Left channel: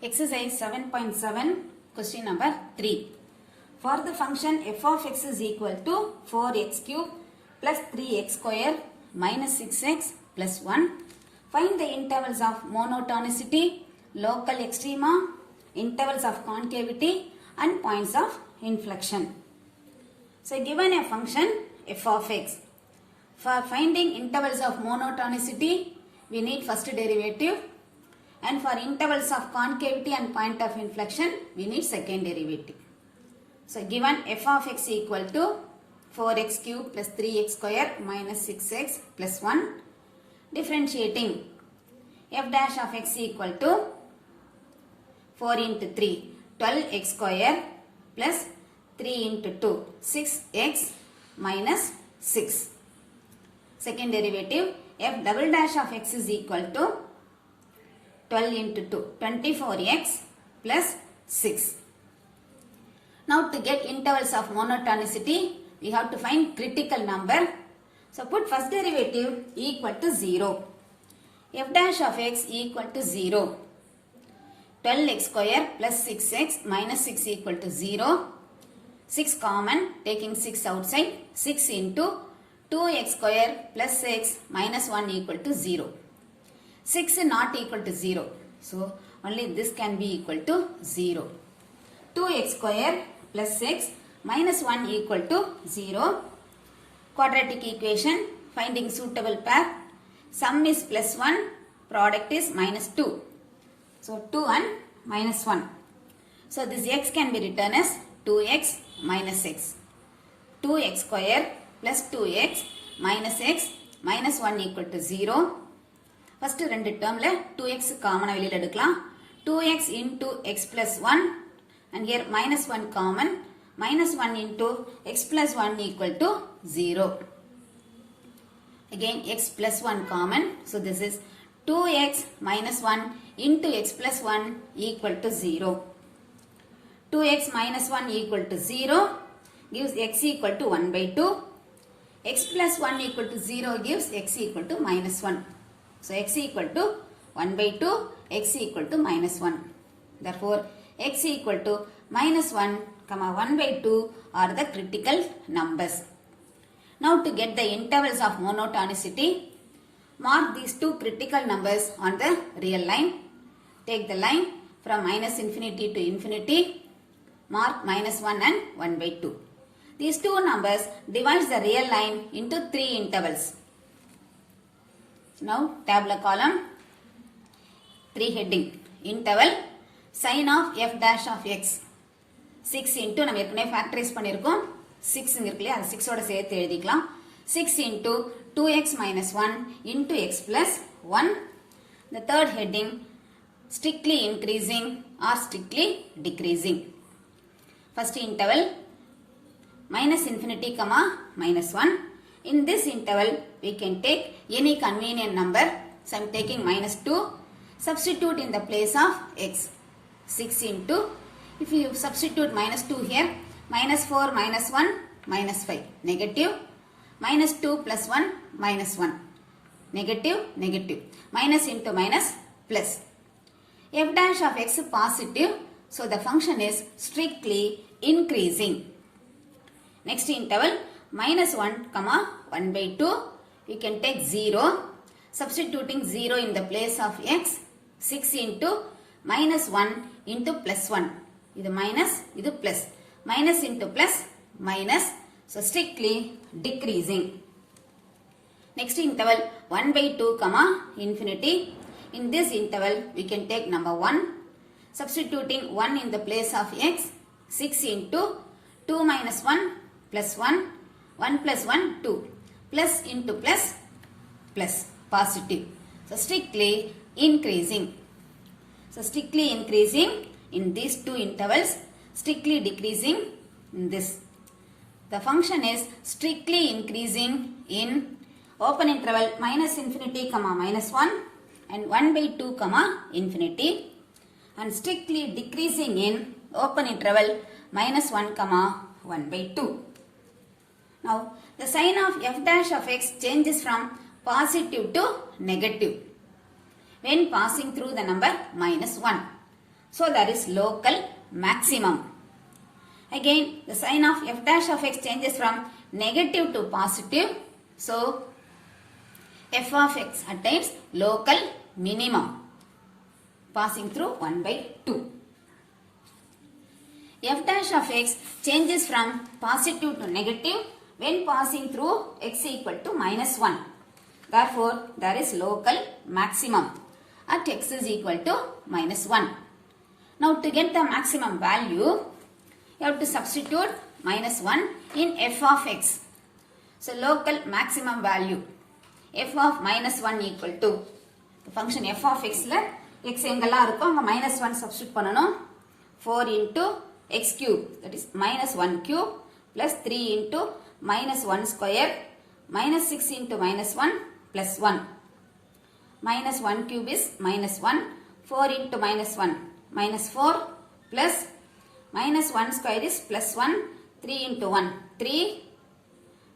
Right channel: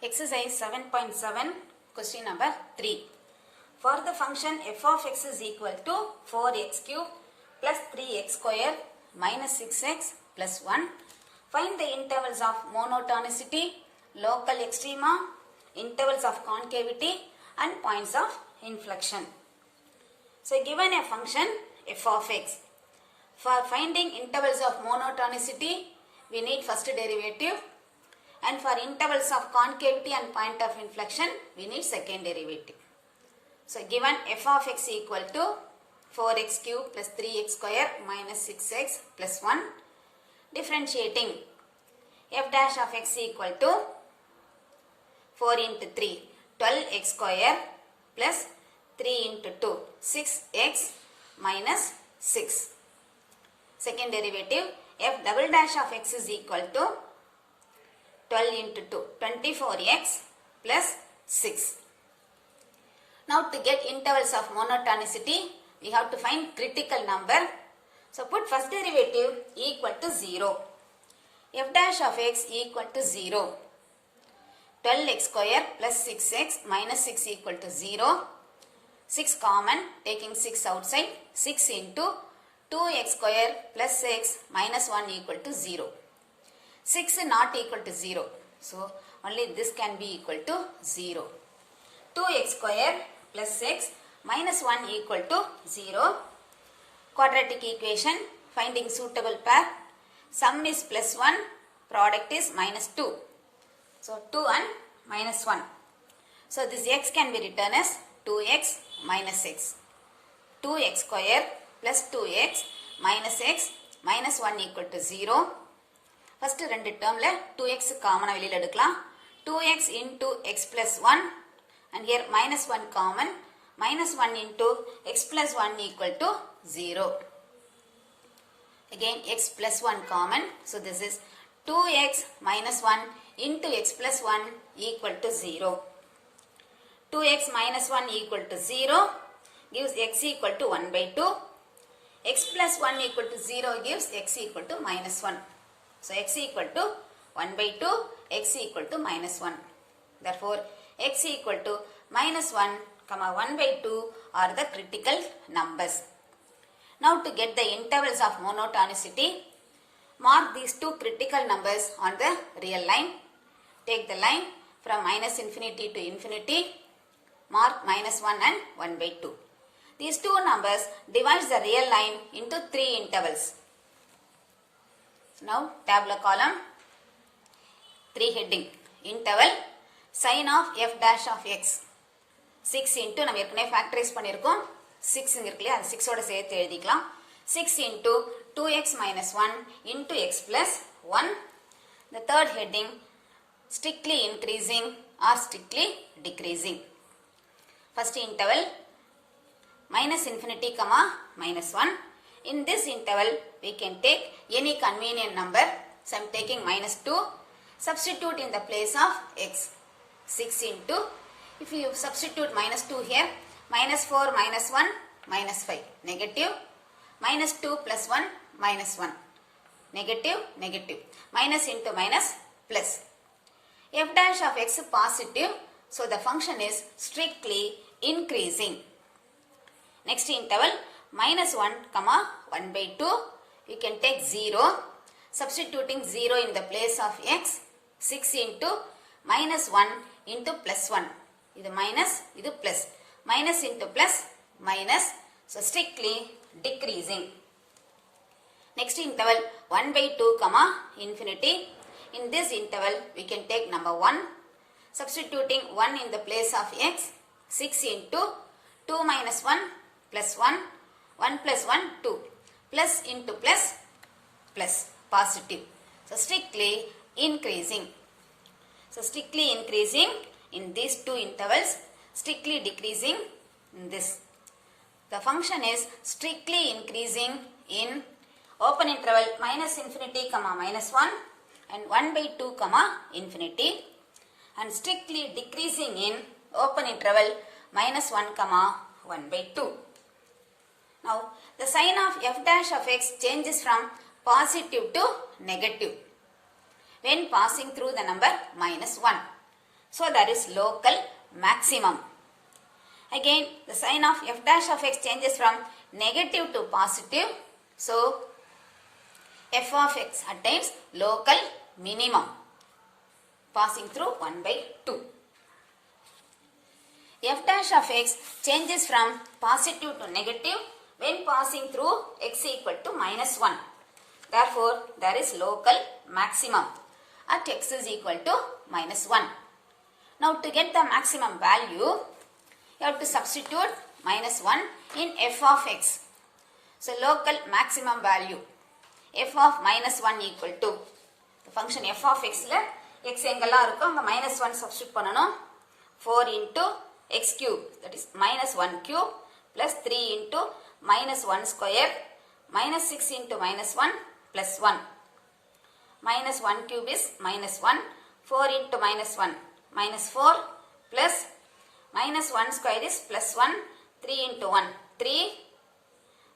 Exercise 7.7 question number 3. For the function f of x is equal to 4x cube plus 3x square minus 6x plus 1. Find the intervals of monotonicity, local extrema, intervals of concavity and points of inflection. So given a function f of x. For finding intervals of monotonicity, we need first derivative. And for intervals of concavity and point of inflection, we need second derivative. So given f of x equal to 4x cube plus 3x square minus 6x plus 1. Differentiating f dash of x equal to 4 into 3, 12x square plus 3 into 2, 6x minus 6. Second derivative, f double dash of x is equal to 12 into 2, 24x plus 6. Now to get intervals of monotonicity, we have to find critical number. So put first derivative equal to 0. F dash of x equal to 0. 12x square plus 6x minus 6 equal to 0. 6 common, taking 6 outside. 6 into 2x square plus x minus 1 equal to 0. 6 not equal to 0. So, only this can be equal to 0. 2x square plus x minus 1 equal to 0. Quadratic equation, finding suitable pair. Sum is plus 1, product is minus 2. So, 2 and minus 1. So, this x can be written as 2x minus x. 2x square plus 2x minus 1 equal to 0. First ரெண்டு termல 2x common வெளியில எடுக்கலாம். 2x into x plus 1 and here minus 1 common. Minus 1 into x plus 1 equal to 0. Again x plus 1 common. So this is 2x minus 1 into x plus 1 equal to 0. 2x minus 1 equal to 0 gives x equal to 1 by 2. X plus 1 equal to 0 gives x equal to minus 1. So, x equal to 1 by 2, x equal to minus 1. Therefore, x equal to minus 1, 1 by 2 are the critical numbers. Now, to get the intervals of monotonicity, mark these two critical numbers on the real line. Take the line from minus infinity to infinity. Mark minus 1 and 1 by 2. These two numbers divides the real line into three intervals. Now, tabular column, 3 heading, interval, sin of f dash of x. 6 into, நம்ம ஏற்கனவே factorize பண்ணிருக்கோம். 6 இருக்குல்லையா, 6 ஓட சேர்த்து எழுதிக்கலாம். 6 into 2x minus 1 into x plus 1. The third heading, strictly increasing or strictly decreasing. First interval, minus infinity, minus 1. In this interval, we can take any convenient number. So, I am taking minus 2. Substitute in the place of x. 6 into, if you substitute minus 2 here, minus 4 minus 1, minus 5. Negative. Minus 2 plus 1, minus 1. Negative, negative. Minus into minus, plus. F dash of x positive. So, the function is strictly increasing. Next interval, minus 1, 1 by 2, you can take 0, substituting 0 in the place of x, 6 into minus 1 into plus 1, இது minus, இது plus, minus into plus, minus, so strictly decreasing. Next interval, 1 by 2, infinity, in this interval, we can take number 1, substituting 1 in the place of x, 6 into 2 minus 1 plus 1, 1 plus 1, 2. Plus into plus, plus, positive. So, strictly increasing. So, strictly increasing in these two intervals, strictly decreasing in this. The function is strictly increasing in open interval minus infinity, minus 1 and 1 by 2, infinity. And strictly decreasing in open interval minus 1, 1 by 2. Now, the sign of f dash of x changes from positive to negative when passing through the number minus 1. So there is local maximum. Again, the sign of f dash of x changes from negative to positive. So f of x attains local minimum passing through 1 by 2. F dash of x changes from positive to negative when passing through x equal to minus 1. Therefore, there is local maximum at x is equal to minus 1. Now, to get the maximum value, you have to substitute minus 1 in f of x. So, local maximum value f of minus 1 equal to the function f of x la x எங்கெல்லாம் இருக்கோ அங்க minus 1 substitute பண்ணனும். 4 into x cube, that is minus 1 cube plus 3 into minus 1 square minus 6 into minus 1 plus 1. Minus 1 cube is minus 1. 4 into minus 1 minus 4 plus minus 1 square is plus 1. 3 into 1 3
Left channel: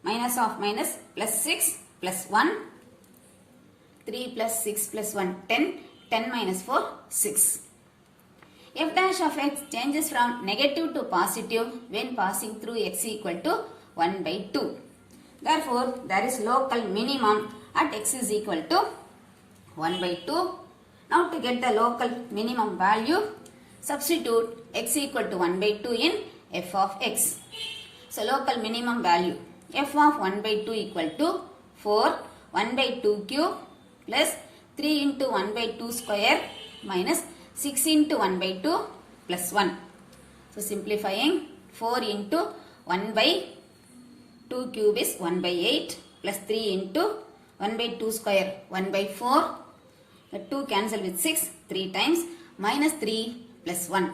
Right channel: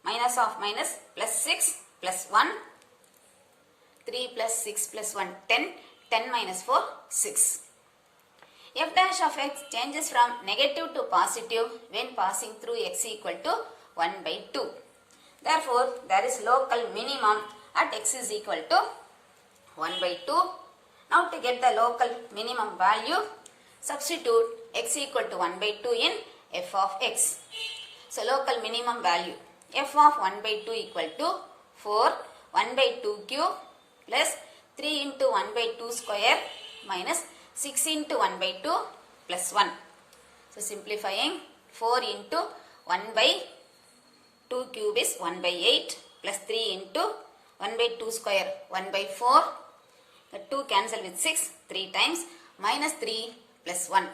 minus of minus plus 6 plus 1. 3 plus 6 plus 1 10. 10 minus 4 6. F dash of x changes from negative to positive when passing through x equal to 1 by 2. Therefore, there is local minimum at x is equal to 1 by 2. Now, to get the local minimum value, substitute x equal to 1 by 2 in f of x. So, local minimum value f of 1 by 2 equal to 4 1 by 2 cube plus 3 into 1 by 2 square minus 6 into 1 by 2 plus 1. So, simplifying 4 into 1 by 2 cube is 1 by 8 plus 3 into 1 by 2 square 1 by 4. The 2 cancel with 6 3 times minus 3 plus 1.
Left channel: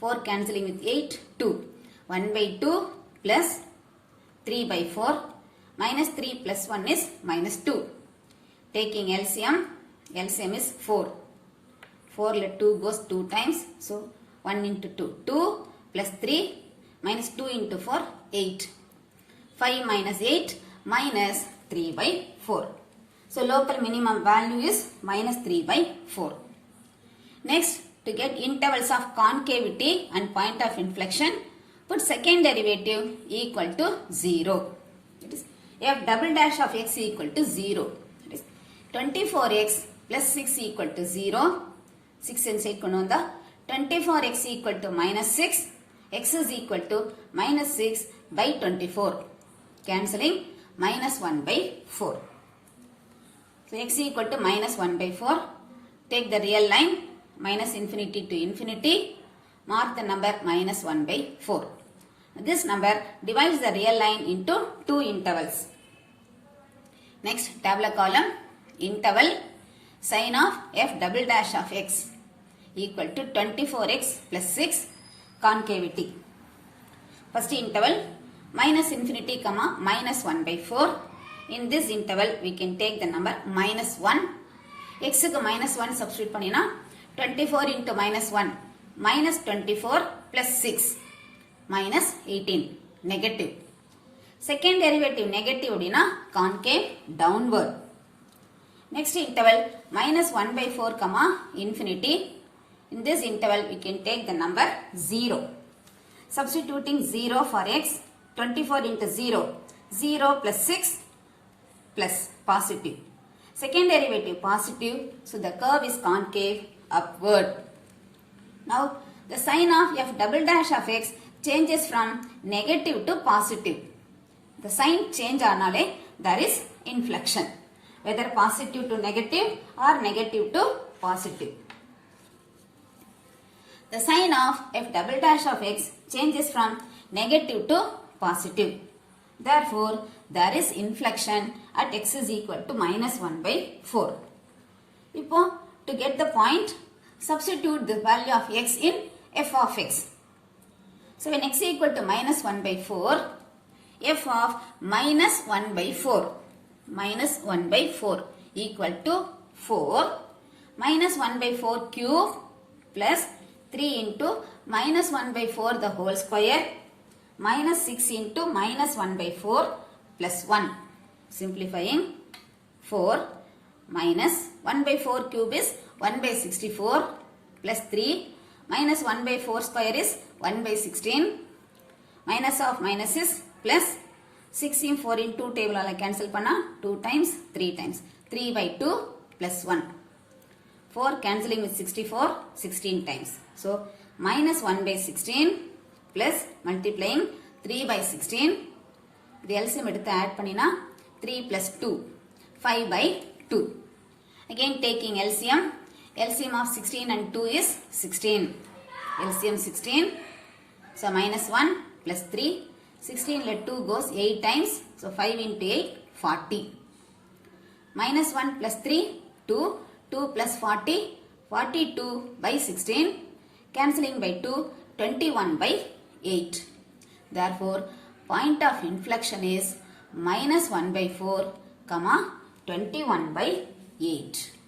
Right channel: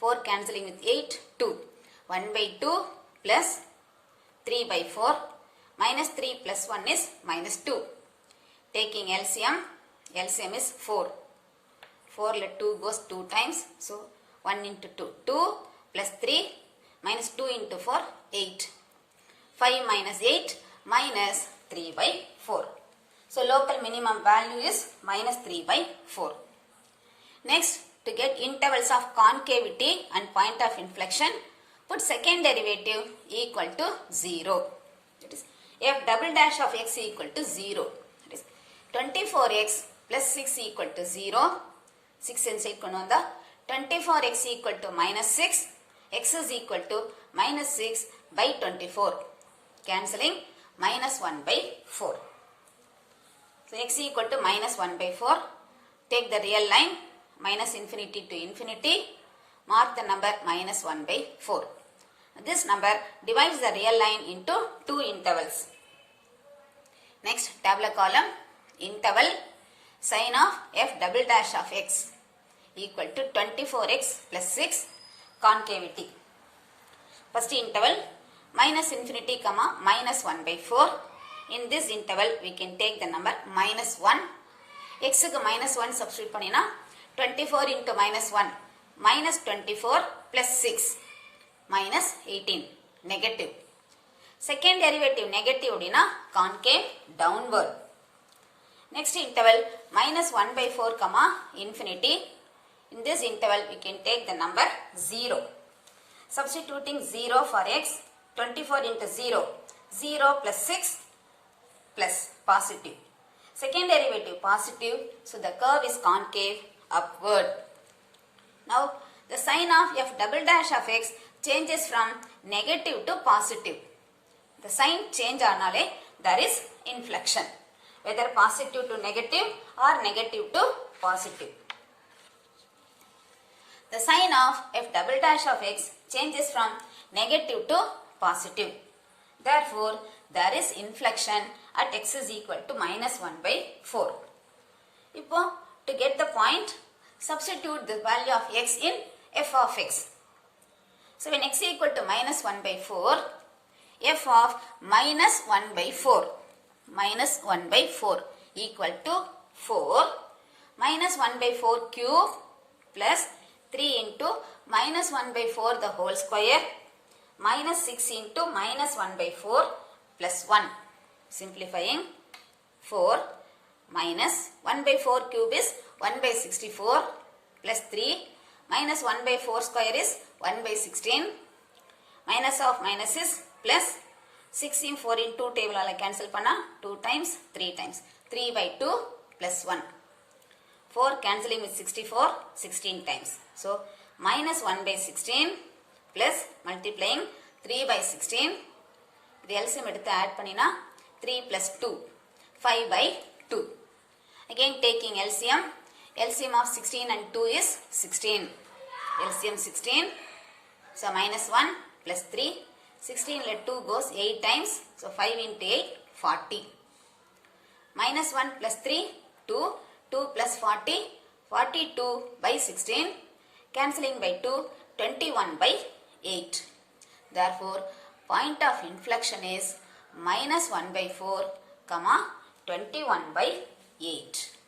4 cancelling with 8 2. 1 by 2 plus 3 by 4 minus 3 plus 1 is minus 2. Taking LCM, LCM is 4. 4 let 2 goes 2 times. So, 1 into 2. 2 plus 3 minus 2 into 4, 8. 5 minus 8 minus 3 by 4. So, local minimum value is minus 3 by 4. Next, to get intervals of concavity and point of inflection, put second derivative equal to 0. That is f double dash of x equal to 0. That is 24x plus 6 equal to 0. 6 inside கொண்டு வந்தா 24x equal to minus 6. X is equal to minus 6 by 24. Cancelling minus 1 by 4. So, x equal to minus 1 by 4. Take the real line minus infinity to infinity. Mark the number minus 1 by 4. This number divides the real line into 2 intervals. Next, tabular column, interval, sin of f double dash of x equal to 24x plus 6, concavity. First interval, minus infinity comma minus 1 by 4. In this interval, we can take the number minus 1. X க்கு minus 1 substitute பண்ணினா 24 into minus 1 minus 24 plus 6 minus 18, negative. Second derivative negative அப்படினா concave, downward. Next interval minus 1 by 4 comma infinity. In this interval we can take the number 0. Substituting 0 for x, 24 into 0, 0 plus 6 plus positive. Second derivative positive, so the curve is concave upward. Now the sign of f double dash of x changes from negative to positive. The sign change ஆனாலே there is inflection. Whether positive to negative or negative to positive. The sign of f double dash of x changes from negative to positive. Therefore, there is inflection at x is equal to minus 1 by 4. இப்போ, to get the point, substitute the value of x in f of x. So, when x equal to minus 1 by 4, f of minus 1 by 4. Minus 1 by 4 equal to 4 minus 1 by 4 cube plus 3 into minus 1 by 4 the whole square minus 6 into minus 1 by 4 plus 1. Simplifying 4 minus 1 by 4 cube is 1 by 64 plus 3 Minus 1 by 4 square is 1 by 16. Minus of minus is plus. 16 4 in 2 table cancel panna 2 times 3 times. 3 by 2 plus 1. 4 cancelling with 64 16 times. So minus 1 by 16 plus multiplying 3 by 16. The LCM எடுத்து add பண்ணினா 3 plus 2 5 by 2. Again taking LCM. LCM of 16 and 2 is 16. LCM 16. So minus 1 plus 3. 16 let 2 goes 8 times. So 5 into 8 40. Minus 1 plus 3 2. 2 plus 40 42 by 16. Cancelling by 2 21 by 8. Therefore point of inflection is minus 1 by 4 comma 21 by 8.